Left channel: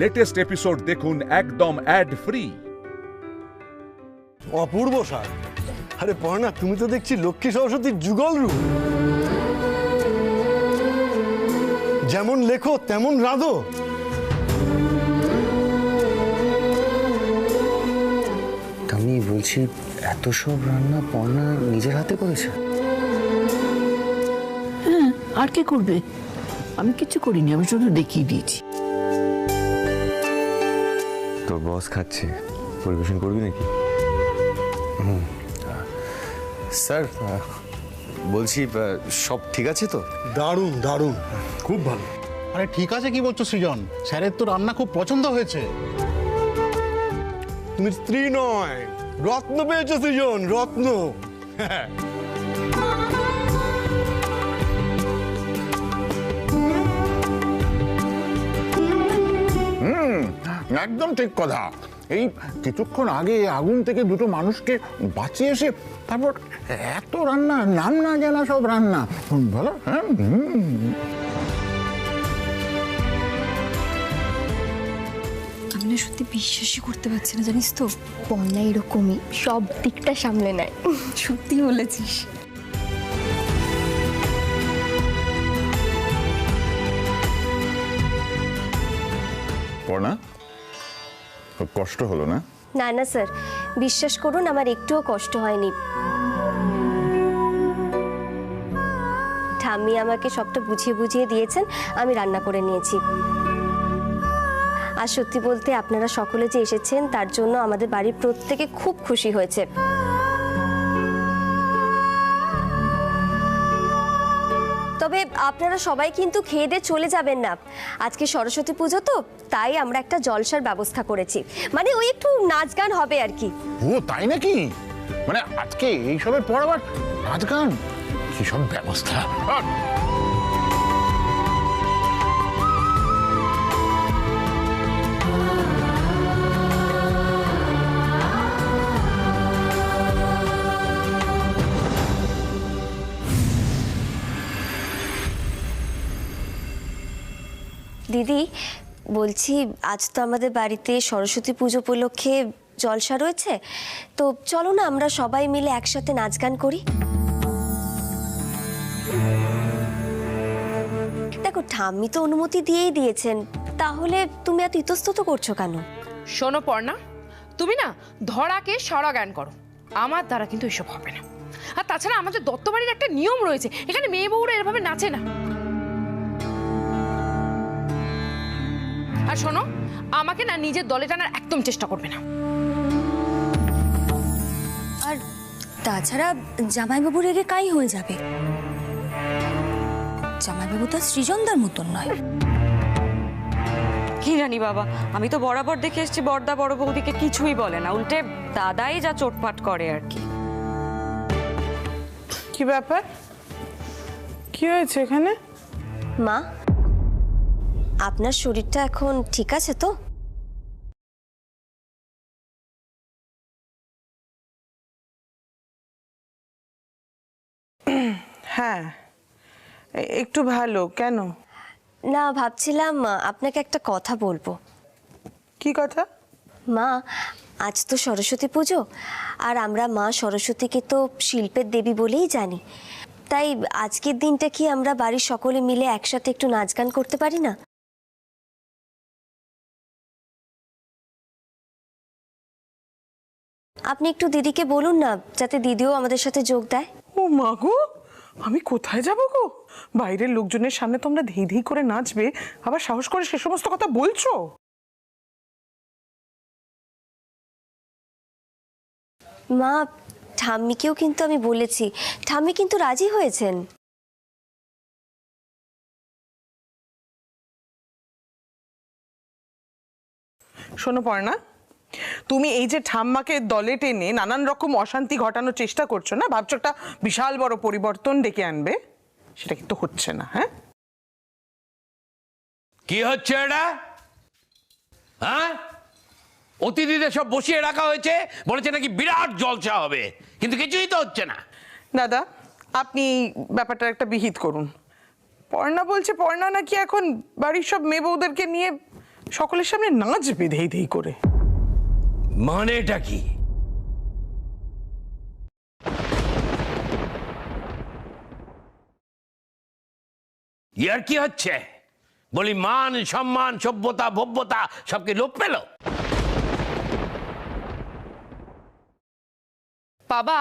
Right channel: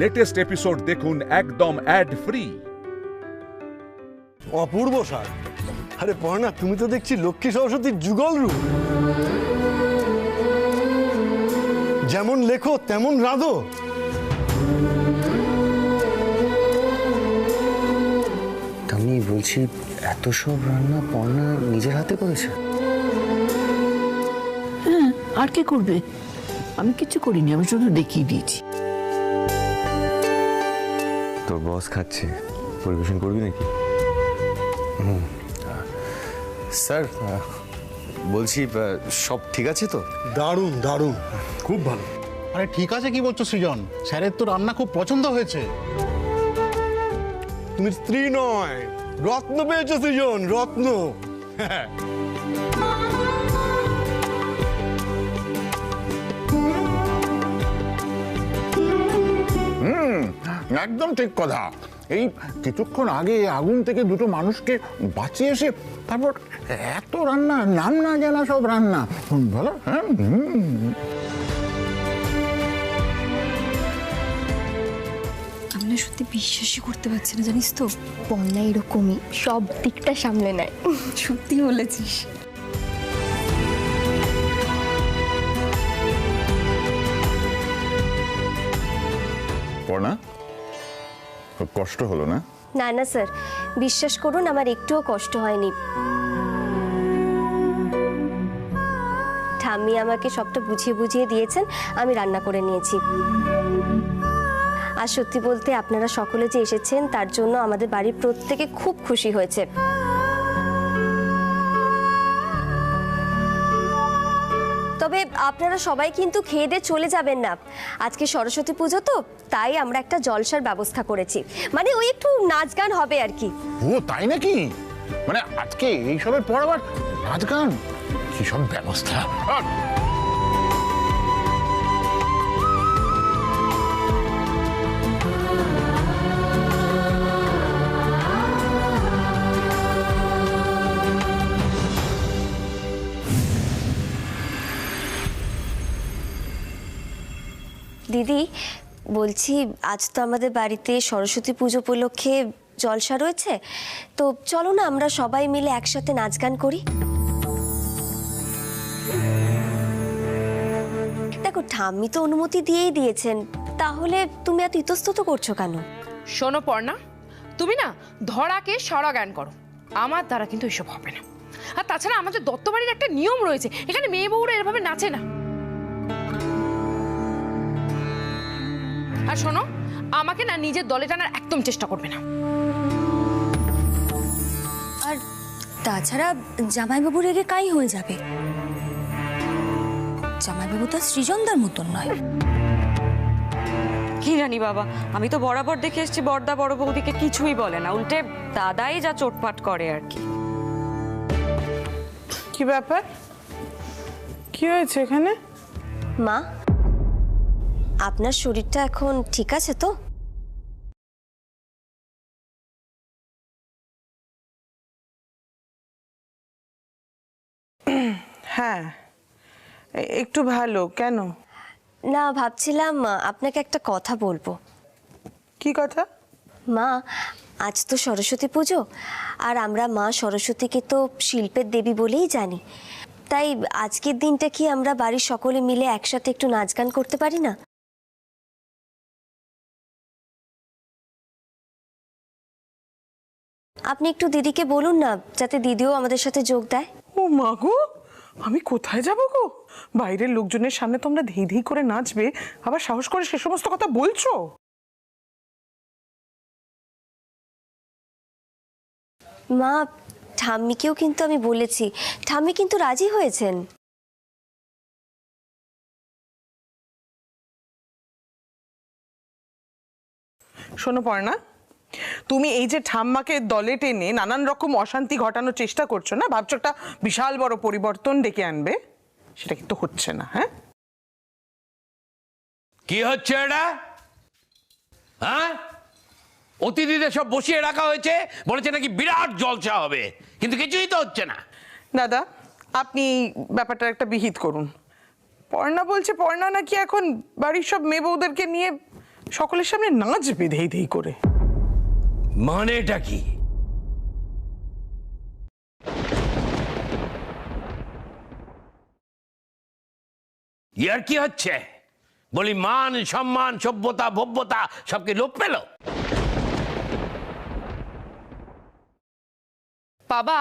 Latest episode দেখুন একদম add free. অপূর্ব স্বাদ। আরে পর্ণা, তুমি তো দেখছি লক্ষ্মী সরস্বতীর যুগল রূপ। যেমন লেখো তেমন রাঁধো। আমি বলছি, এত সব রান্না পর্ণা নিজের হাতে করেছে? হ্যাঁ, আর কে করবে? আমি কিছু করিনি, আমি শুধু দেখিয়ে দিয়েছি। তোর বস খাচ্ছে, পরিবেশন করবি নাকি? স্যার, বলছি সব ঠিক আছে তো? দারুণ দারুণ, খুব ভালো। আরে ঠিক আছে কি বলছো সৃজন? স্যারের তো রান্না খুব পছন্দ হয়েছে। তুমি স্ত্রী নয়, রত্ন পেয়েছো সৃজন, রত্ন। একদম ঠিক কথা। এই কিছুক্ষণ আগে আগুন থেকে দুটো মানুষকে বাঁচিয়ে এসে তারপর এত রান্না, নাম না জানা সব রান্না, বলো? হ্যাঁ, আমি না সত্যি বিশ্বাসই করতে পারছি না, জানিস তো পর্ণা এরকমই সব দিকটা সামলে নেয়। সত্যি বলেছিস। পড়না, কষ্ট হলো না? না না স্যার, বিশ্বাস করুন আমার একটুও কষ্ট হয়নি। ঠাম্মি আমাকে সবটা বুঝিয়ে বুঝিয়ে দিয়েছেন, আমি রান্না করে নিয়েছি। আর সত্যি বলতে আপনারা সকলে যে এসেছেন তার জন্য আমাদের বাড়ির প্রত্যেকে খুব খুশি হয়েছে। তবে আপনারা সবাই কিন্তু খেয়ে দিয়ে চলে যাবেন না। আজকে সরস্বতী পুজো তো, তাই আমরা একটা জলসার ব্যবস্থা করেছি, মানে ওই একটু নাচ গান হবে আর কি। ও তাই নাকি? মানে আজকে এইসবের পর আবার নাচ গান, কি সব ব্যবস্থা! দিদি বলছি, আজ তো আমাদের বাড়িতে সরস্বতী পুজো উপলক্ষে জলসা রয়েছে, তো চলো না আমরা সবাই মিলে একসাথে নাচ গান করি। দেখো ঠাম্মি তো অনুমতি দিয়েই দিয়েছেন, তাহলে তুমি এত ইতস্তত করছো কেন? শোনো পর্ণা, তুমি না ধরাকে সরা জ্ঞান করো, আমার দ্বারা কিন্তু এসব হবে না। আর তাছাড়া আমাদের দত্তবাড়ির একটা নিয়ম রয়েছে, এখানে মেয়ে বউরা এভাবে নাচে না। আর শোনো, আমাকে না নিজের দলে টানার একদম চেষ্টা করবে না। আর তাছাড়া জামাইবাবু রেগে কাই হয়ে যাবে। জামাইবাবু তো সৃজনদার মতন নয়। কি জানি বাবা, আমি তো বরাবর দেখে এসেছি বড়দা বড় বৌদিকে কিছুই বলে না, উল্টে দাদাই যা চোটপাট করে আর কি। কি ব্যাপার? কি হয়েছে এখানে? মা, আপনার শরীরটা এখন ঠিক আছে তো? হ্যাঁ, একটু ভালো। কেন? না, ভাবছিলাম আপনাকে একটা কথা বলবো। কি কথা? মা, আজ তো সরস্বতী পুজো, আর আমরা মা সরস্বতীকে তো শিল্পের দেবী বলেই জানি। তাই আজকের দিনটা কি আমরা বাড়ির সকলে মিলে একসাথে একটু নাচ গান করতে পারি না? আপনি একটু দিদিকে বলুন না, যাতে দিদিও আমাদের সাথে যোগ দেয়। ও মা গো, আমি কোথায় যাব গো? বাইরের লোকজনের সামনে তোমরা ধেই ধেই করে নাচবে, আবার সাহস করে সে সমস্ত কথা বলছো? মা, ঠাম্মিকেও কিন্তু আমি বলেছি, ঠাম্মি কিন্তু রাজি হয়েছেন। শোনো পর্ণা, তুমি এই যে ঠাম্মাকে দলে টেনে নানান রকম অশান্তি ঘটানোর চেষ্টা করছো না, ভাবছো একটা বিশাল বড় পরিবর্তন ডেকে আনবে, সেটা কিন্তু হচ্ছে না। হ্যাঁ, কি হচ্ছে এটা? হ্যাঁ, অতিথিদের সব বসিয়ে রাখা হয়েছে, বলেছে নাকি বিরাট জলসা হবে, কিন্তু কিছুই তো হচ্ছে না। দাদা আপনি ব্যাপারটা একটা বিহিত করুন। পর্ণা বলছে পর্ণা নাকি এখন বাড়ির সব মেয়ে বউদেরকে নিয়ে সকলের সামনে নাচবে ধেই ধেই করে। মানেটা কি? ইয়ার কি হচ্ছে? বলি মান সম্মান সভ্যতা ভব্যতা সবকে লোপ পেল? বাবা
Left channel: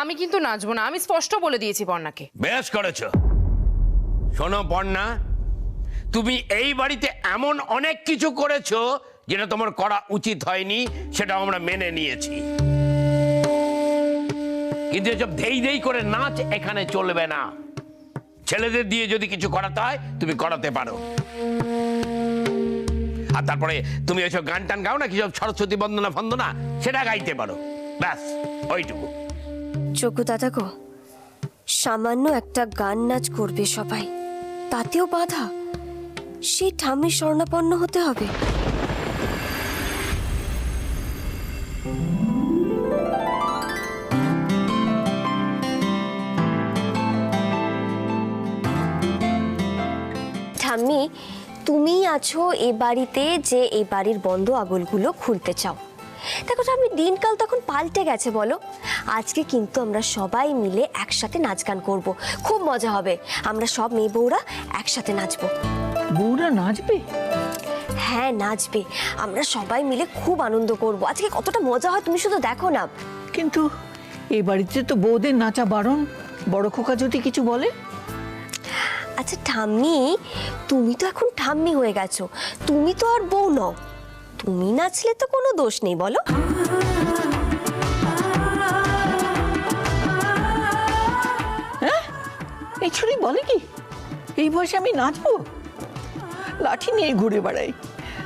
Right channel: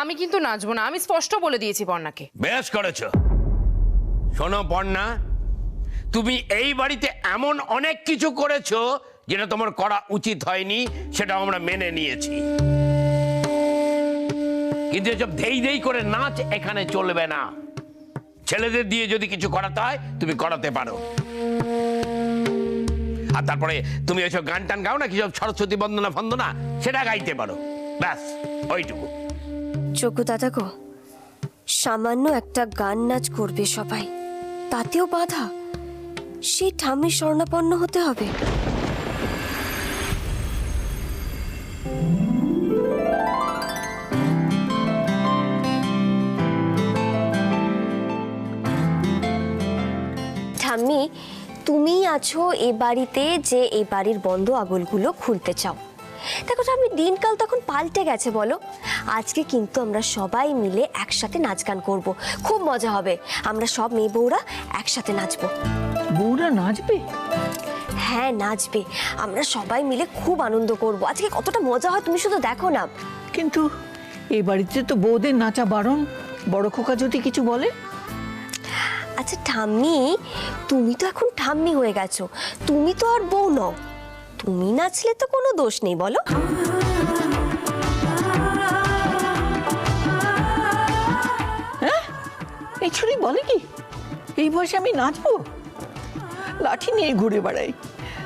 আমি কিন্তু নাচবো না, আমি স্পষ্ট বলে দিয়েছি পর্ণাকে। বেশ করেছ। শোনো পর্ণা, তুমি এই বাড়িতে এমন অনেক কিছু করেছো যেটা তোমার করা উচিত হয়নি, সেটা আমরা মেনে নিয়েছি, কিন্তু এসব ধেই ধেই করে নাচ এখানে চলবে না। ছেলেদের দিয়ে যদি কিছু করাতে হয় তুমি করাতে পারো, আর তারপরে তুমি এসব গান টান গাও না, কি সব সরস্বতী বন্দনা ফন্দনা, সেটা গাইতে পারো, ব্যাস ওইটুকু। যোগ্য দাদা গো, সামান্য একটা গান নাচ করবে সবাই, তাতেও বাধা? সেই ঠাম্মির শরণাপন্ন হতে হবে? ঠাম্মি, তুমি আছো এ বাড়িতে যে এই বাড়ির বন্ধ আগলগুলো খুলতে চাও। দেখো ঠাম্মি, দিনকাল তখন পাল্টে গেছে বলো। আজকে কিন্তু আমরা সবাই মিলে একসাথে নাচ গান করবো, খুব মজা হবে। আমরা সব মেয়ে বউরা একসাথে নাচবো। বউরা নাচবে? হ্যাঁ নাচবে, আমরা সবাই মিলে খুব আনন্দ করব। আজকে কতটা মজা হয় তুমি শুধু দেখো না। কিন্তু এই বাড়িতে তো বউদের নাচা বারণ, বড় খোকা যদি কিছু বলে? আচ্ছা ঠাম্মি, তুমি তো এখন ঠাম্মি হয়ে গেছো, তুমি তো আর বউ নও। তুমি নাচলে তো কোনো দোষ নেই বলো। হ্যাঁ, এই ছুরি বলে কি এই বয়সে আমি নাচবো? লাঠি নিয়ে ঘুরে বেড়াই।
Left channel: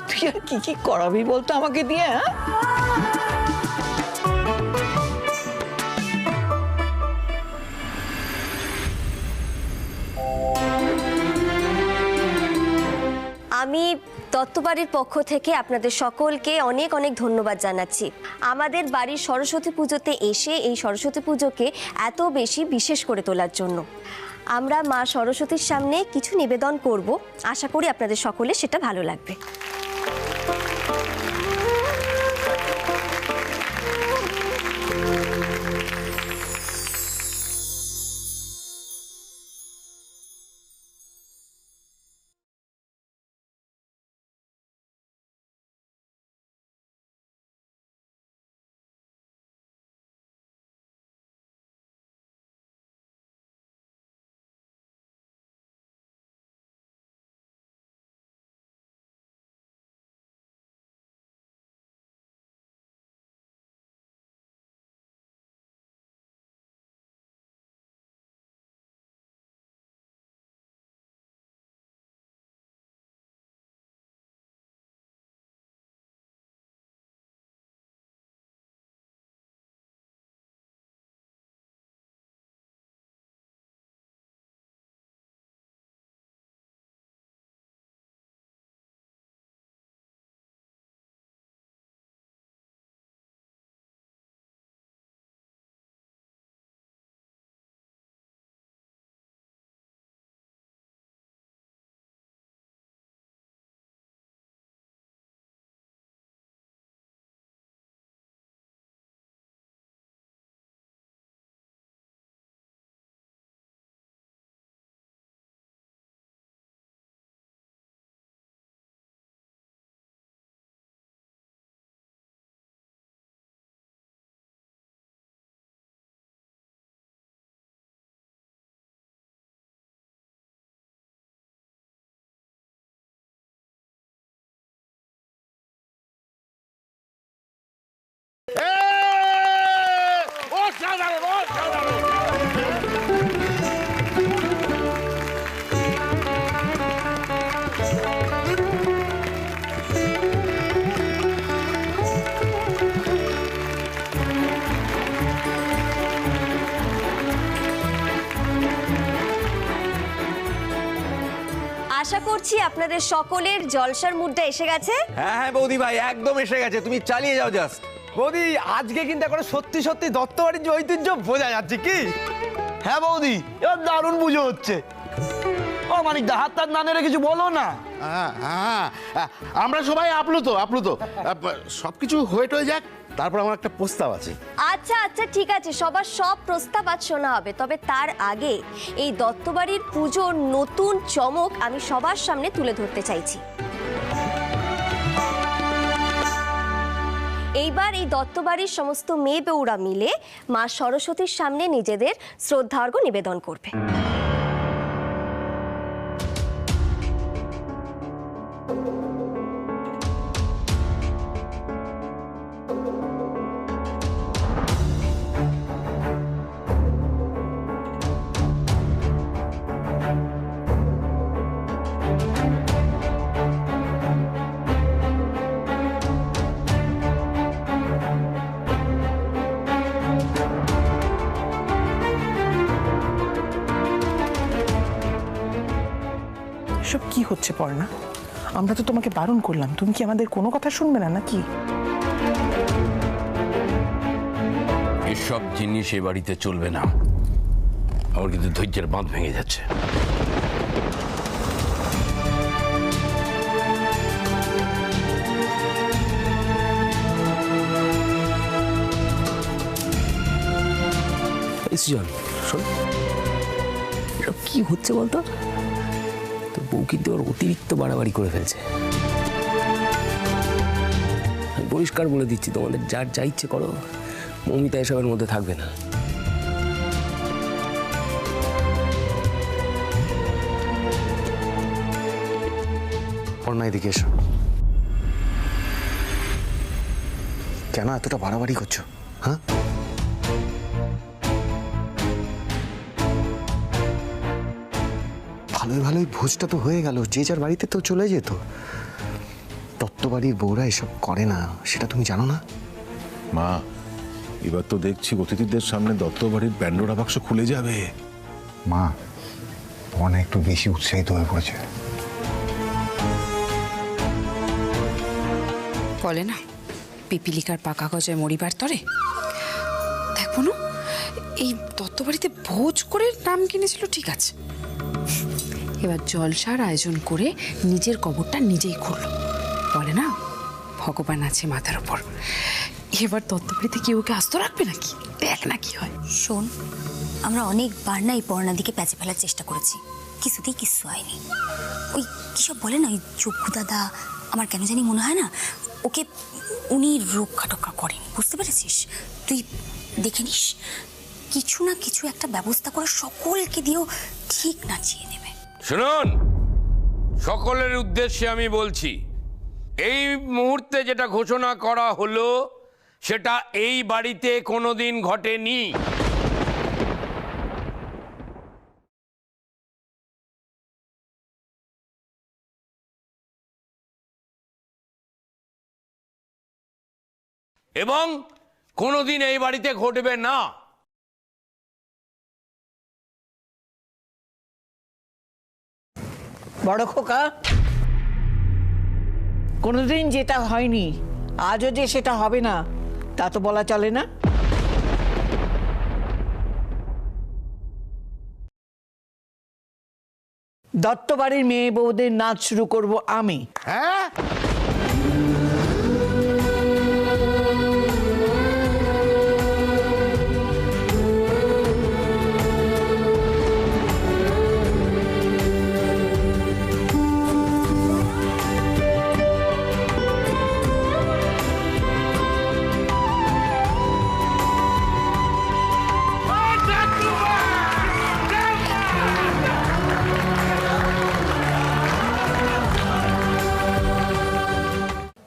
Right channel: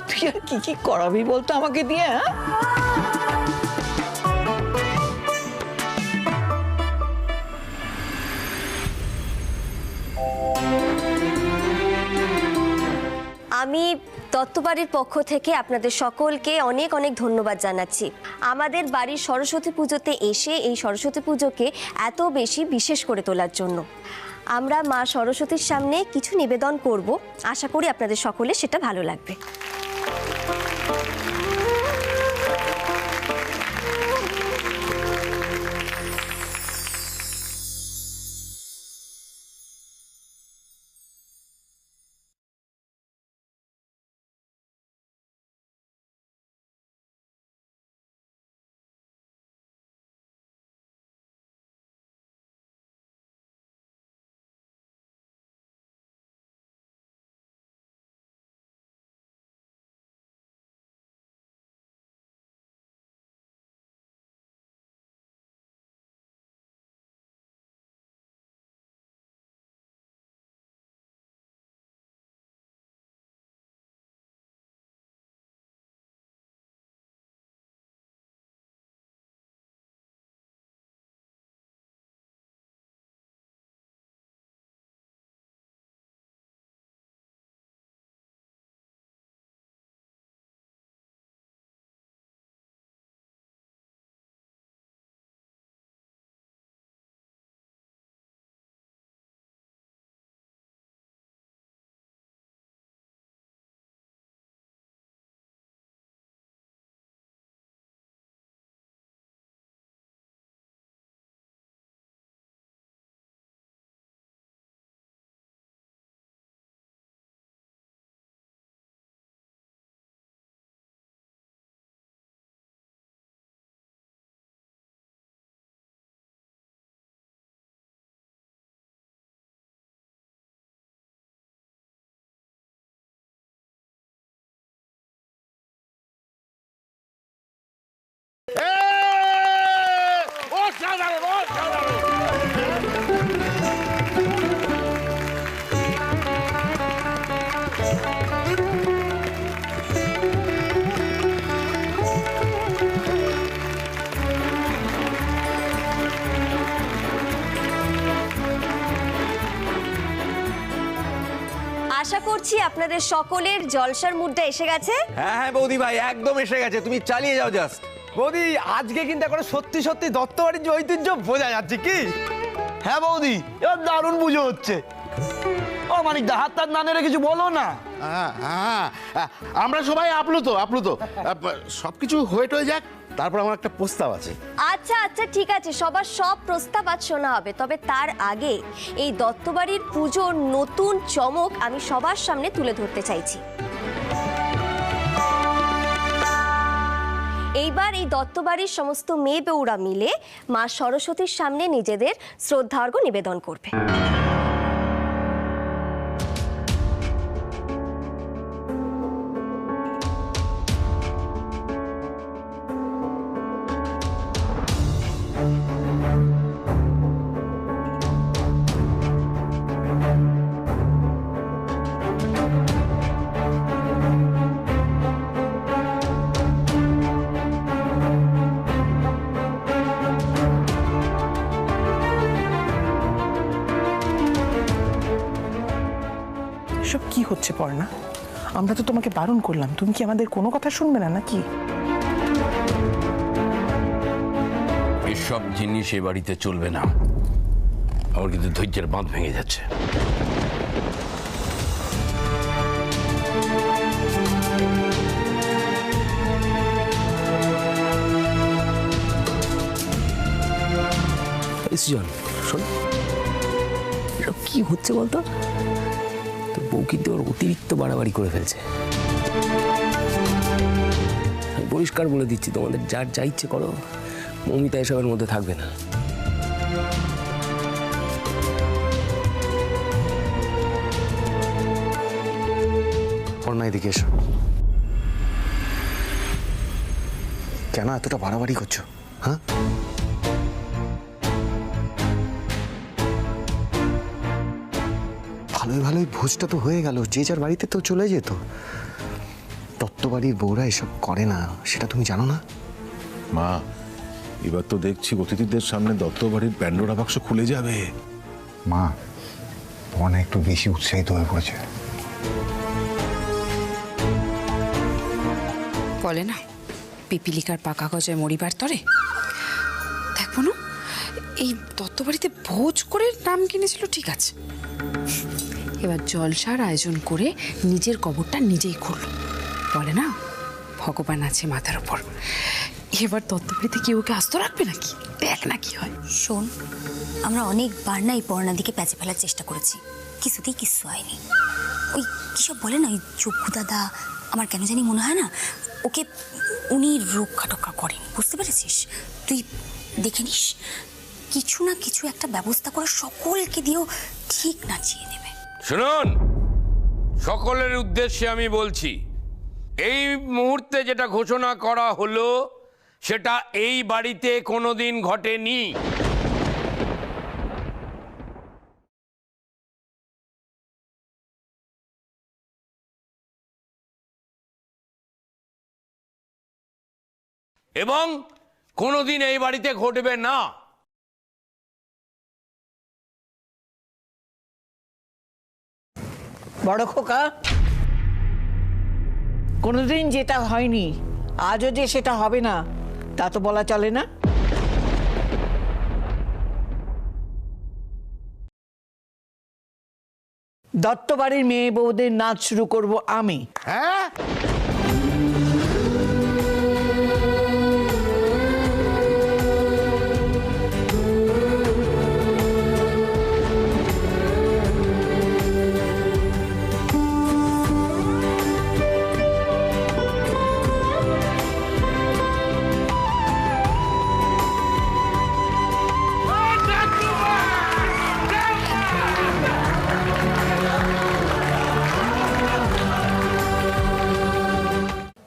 তুই আর কি কি করাবি বলতো আমাকে দিয়ে? হ্যাঁ, আমি দত্তবাড়ির পক্ষ থেকে আপনাদের সকলকে অনেক অনেক ধন্যবাদ জানাচ্ছি। আমাদের বাড়ির সরস্বতী পুজোতে এসে এই সরস্বতী পুজোকে এত বেশি বিশেষ করে তোলার জন্য। আমরা মা সরস্বতীর সামনে কিছু নিবেদন করব, আশা করি আপনাদের সকলে সেটা ভালো লাগবে। আশা করছি আপনাদের সকলের জলসার মুডটা এসে গেছে। হ্যাঁ হ্যাঁ বৌদি ভাই, একদম এসে গেছে, তুমি চালিয়ে যাও জাস্ট। বৌদি, আজকে কিন্তু এখন সত্যি সত্যি দত্তবাড়ির যে ঐতিহ্য বোঝা যাচ্ছে কি? হ্যাঁ বৌদি, এবার দারুণ পুজো হচ্ছে। ও মানিক দা, হাত টাত না নেড়ে কিছু বলো না। হ্যাঁ, আমরা সবাই আপ্লুত সবকিছু হয়ে যাক, তারপর আমার একটা প্রস্তাব আছে। আচ্ছা আচ্ছা ঠিক আছে, সবার সব প্রস্তাব আজ শোনা হবে, তবে তার আগে এই দত্তবাড়ির পুজোর নতুন চমক আমি সবার সামনে তুলে ধরতে চাইছি। এইবার এই দত্তবাড়ির সমস্ত মেয়ে বউরা মিলে মা সরস্বতীর সামনে নিজেদের শ্রদ্ধার্ঘ্য নিবেদন করবে। এসব কি হচ্ছে পর্ণা? আমরা তো তোমাকে বারণ করলাম, তুমি কি আমাদের কোনো কথা শুনবে না নাকি? এসব জিনিস এ বাড়িতে চলবে না। আমার কিন্তু ধৈর্যের বাঁধ ভেঙে যাচ্ছে। সৃজন শোন, এসব কি হচ্ছে বলতো? তো বউ কিন্তু ওর অতিরিক্ত বাড়াবাড়ি করে ফেলছে। আমি পরিষ্কার বলে দিচ্ছি, তোমাদের যার যা ইচ্ছে করো, মমিতা এসবের মধ্যে থাকবে না। পর্ণা এদিকে এসো। কেন এতটা বাড়াবাড়ি করছো? হ্যাঁ, ভালোই ভালোই ভোজটা তো হয়ে গেল, যে যার বাড়িতে তো চলে যেত। দত্তবাড়ির বউরা এসব করে না, সেটা তুমি জানো না? মা, এবার তো দেখছি অতিথিদের সামনে দত্তবাড়ির প্যান্ডোরা বাক্স খুলে যাবে। মা, অনেক একটু বেশি উৎসাহিত হয়ে পড়েছে। বলে না পিপিলিকার পাকা গজায় মরিবার তরে। দেখো না, এই দত্তবাড়িতে ভোজ করে নাম কিনেছিল ঠিক আছে, এবার জলসার আয়োজন করে নিজের কবরটা নিজেই খুলল। বলে না ভগবান আছে মাথার উপর, এবার দত্তবাড়িতে কেউ ওকে আস্ত রাখবে নাকি? দেখ না কি হয়। শোন, আমরা অনেকবার না এই পর্ণার দিকে প্যাঁচে ফেলার চেষ্টা করেছি, কিছুতেই কিছু হয়নি। ওই কিসব বলে না, ওই চক্ষু দাদা, আমার কেন জানি মনে হয় না ওকে উনি রক্ষা টক্ষা করেন, বুঝতে পেরেছিস? তুই দেখে নিস, কিছু না কিছু একটা ব্যবস্থা করে সকলকে দিয়েও ঠিক নাচিয়ে নেবে। শুনুন, সকলের উদ্দেশ্যে আমি বলছি, এই মুহূর্তে যেটা ঘোষণা করা হলো সেটা এই বাড়িতে কোনোদিন ঘটেনি। এবং কোনোদিন এই বাড়িতে ঘটবে না। বড় খোকা, কোনোদিন যেটা হয়নি আজও যে সেটা হবে না তা তো বলা চলে না। দত্তবাড়ির মেয়ে বউদের নাচ শুরু করব আমি। হ্যাঁ,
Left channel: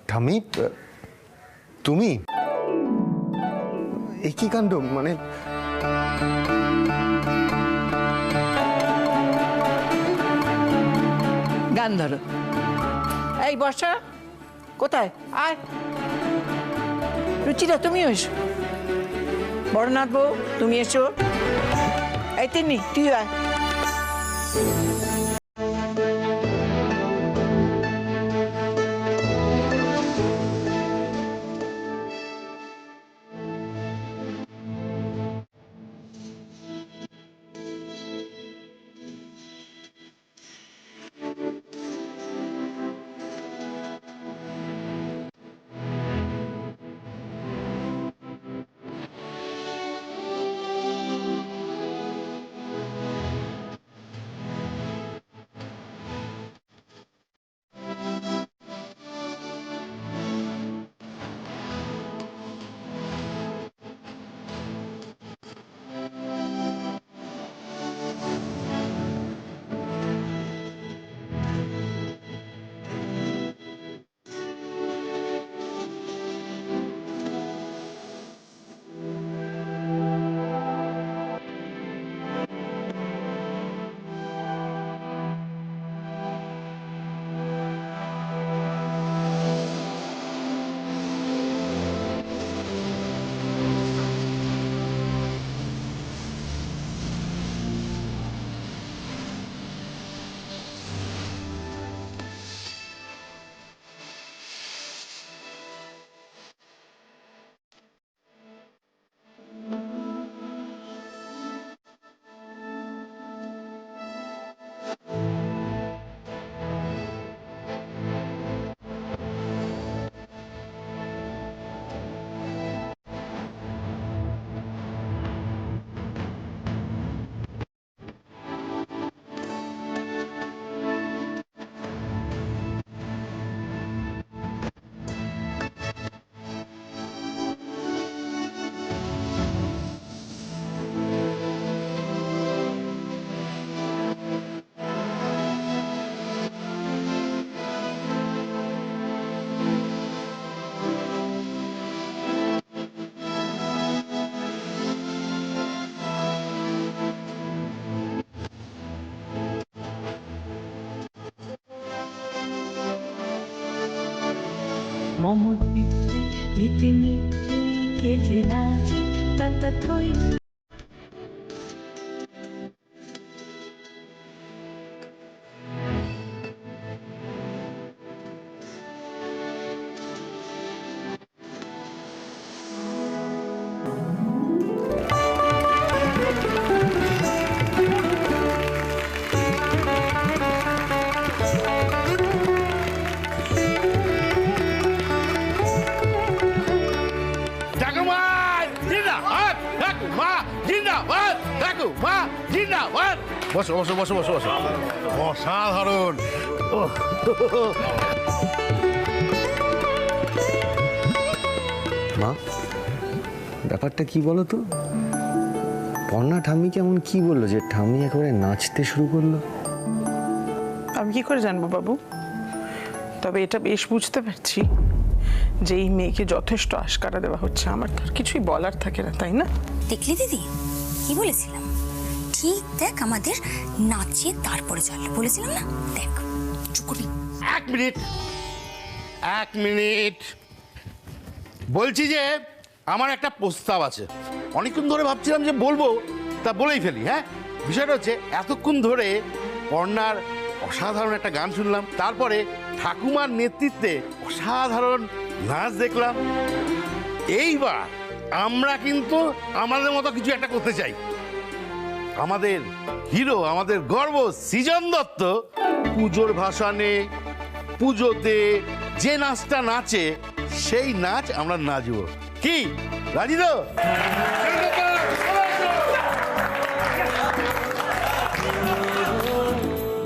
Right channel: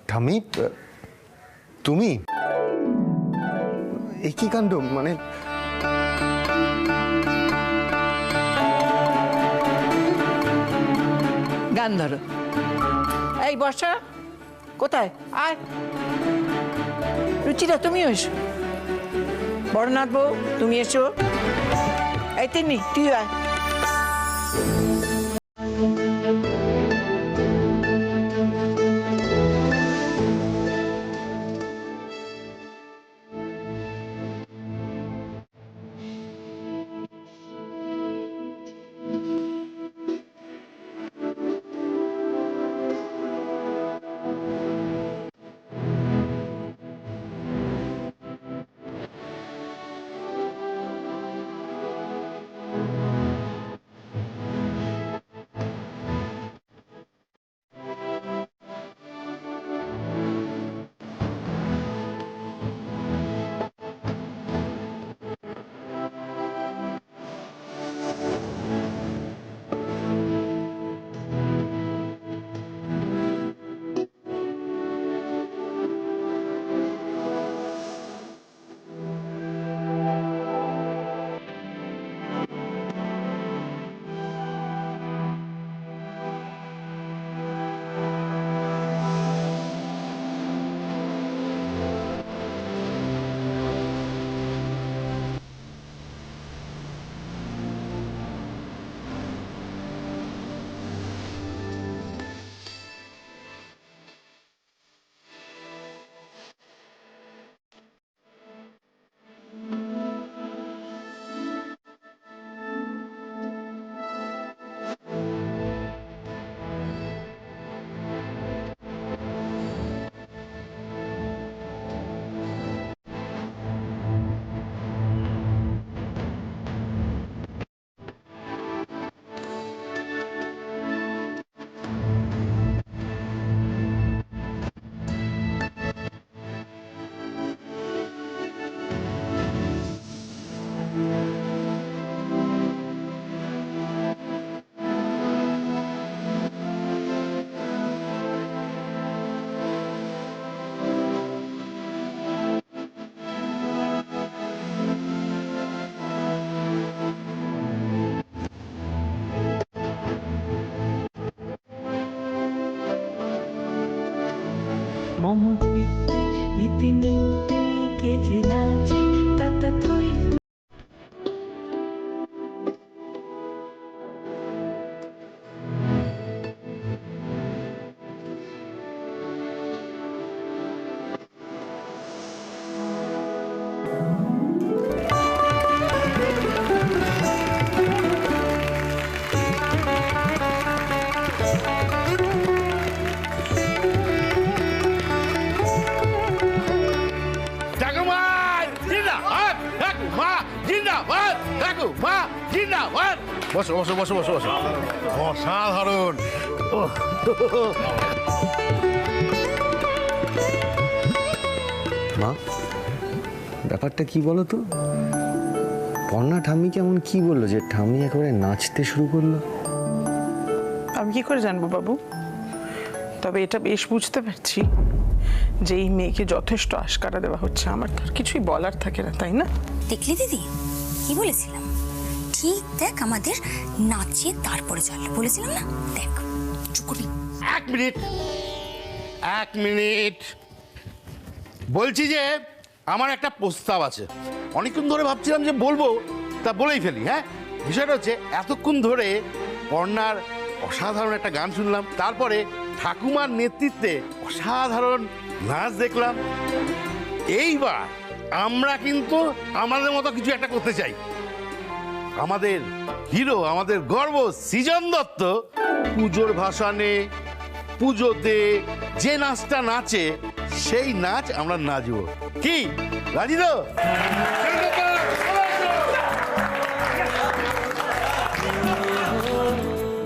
ঠাম্মি, তুমি এ কি কাণ্ড? মানে গান ধরো। এই বর্ষা কোথায়? আয় রুচিরা, তুমিও এসো। বড়নাথ বউ তুমি এসো। এই তিন্নি তুই আয়। মমচিত্তে নিতে নিতে কেটে নাচে তাতা থই। বসো বসো বসো বসো বসো। অসাধারণ। মা, ব্যাপারটা কি বলো তো? পর্ণা ঠাম্মি কেমন কি বললো যে ঠাম্মি একেবারে নাচতে শুরু করলো? আমি কি করে জানবো বাবু? তবে এটা বেশ বুঝতে পারছি যে এই মেয়েকে যথেষ্ট আশকারা দেওয়া হচ্ছে। আমার তো আর কিছুই বলার থাকে না, তাই না? দেখলি দিদি কি বলেছিলাম? ঠিক দেখ, আমাদের নাচিয়ে তারপরে চললো বলেছিলাম না? দেখ চুপ করবি। এক মিনিট, এক মিনিট। বলছি যে আমার একটা প্রস্তাব আছে। অনেকক্ষণ ধরে ভাবছিলাম যে বলবো, তা বলেই ফেলি। হ্যাঁ, বিষয়টা হচ্ছে এতক্ষণ ধরে পর্ণার অসাধারণ একটা গান শুনলাম, তারপরে ঠাকুমার নেতৃত্বে অসাধারণ নাচ দেখলাম। এইবার আমরা কিন্তু আমাদের মতো কিছু একটা করতে চাই। আমাদের হিরো, আমাদের গর্ব সৃজন দত্ত পুজোর ভাসানে, পুজোতে যে নাচটা নাচে সেই নাচ আমরা নাচবো। কি রাজি তো?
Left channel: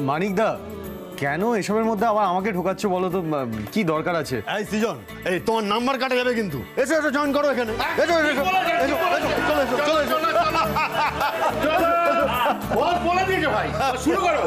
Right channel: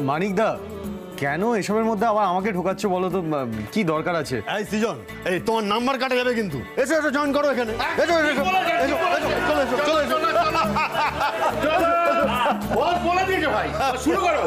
মানিকদা, কেন এসবের মধ্যে আবার আমাকে ঢোকাচ্ছ বলো তো? কি দরকার আছে? এই সৃজন, এই তোমার নাম্বার কাটা যাবে কিন্তু। এসো এসো, জয়েন করো এখানে। এসো এসো এসো, চলো এসো, চলো এসো। বলে দিয়েছো ভাই, শুরু করো।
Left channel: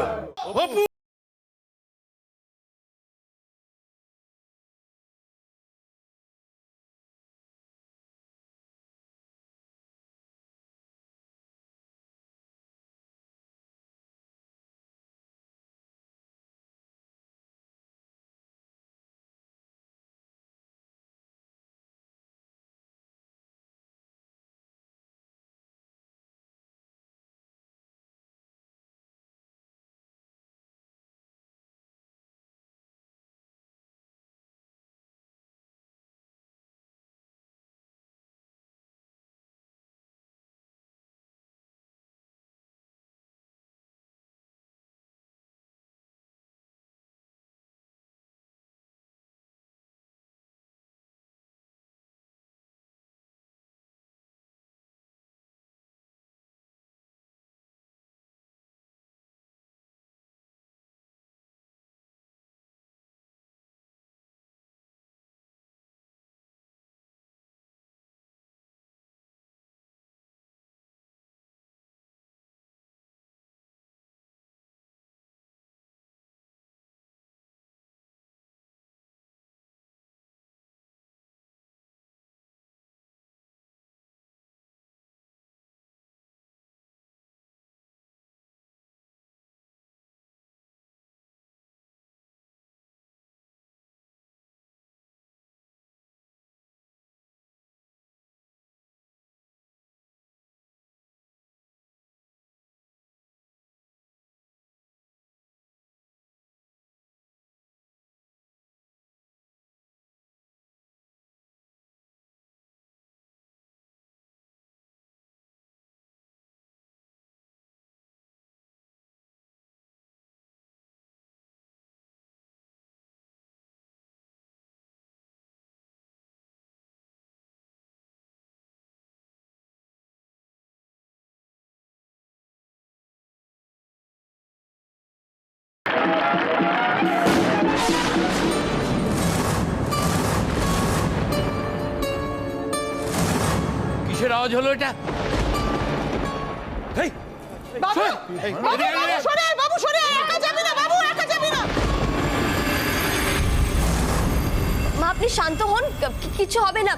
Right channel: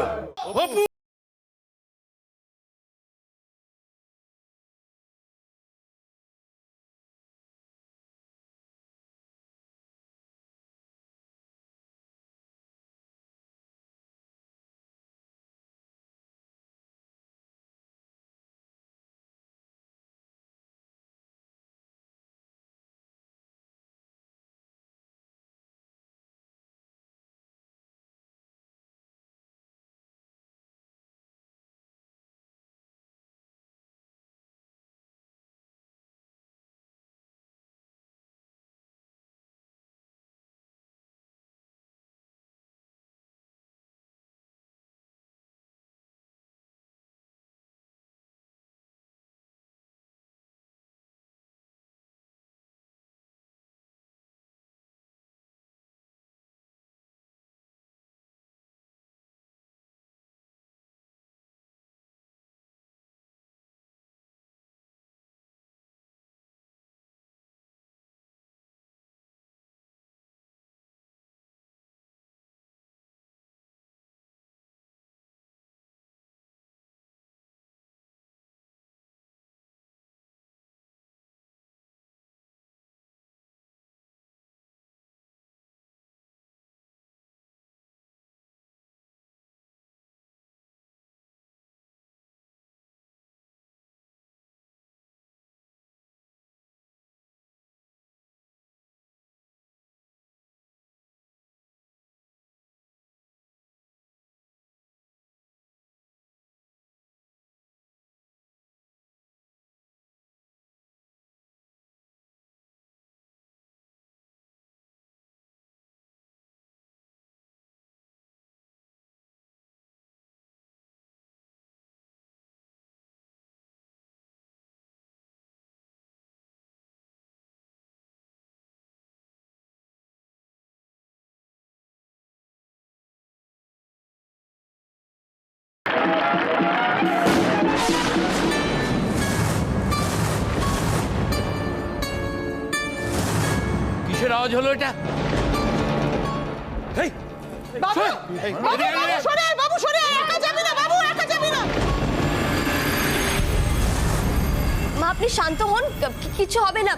কিসের আওয়াজ হলো এটা? মা, আপনি শান্ত হন, কিছু হবে না।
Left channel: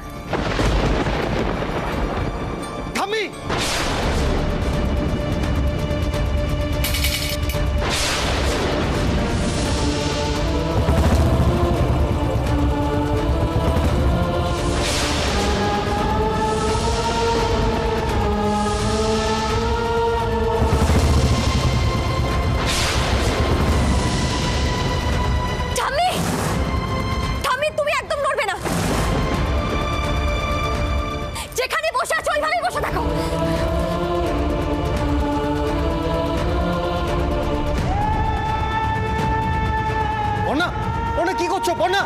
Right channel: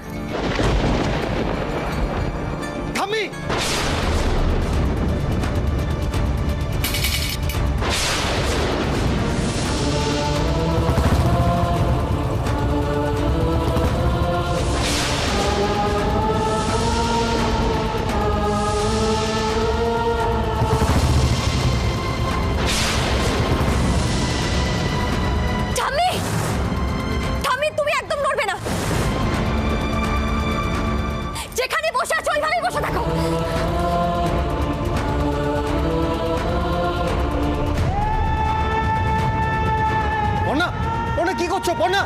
থামি, তামাশা দেখো। পর্ণা, পর্ণা কি করছো পর্ণা?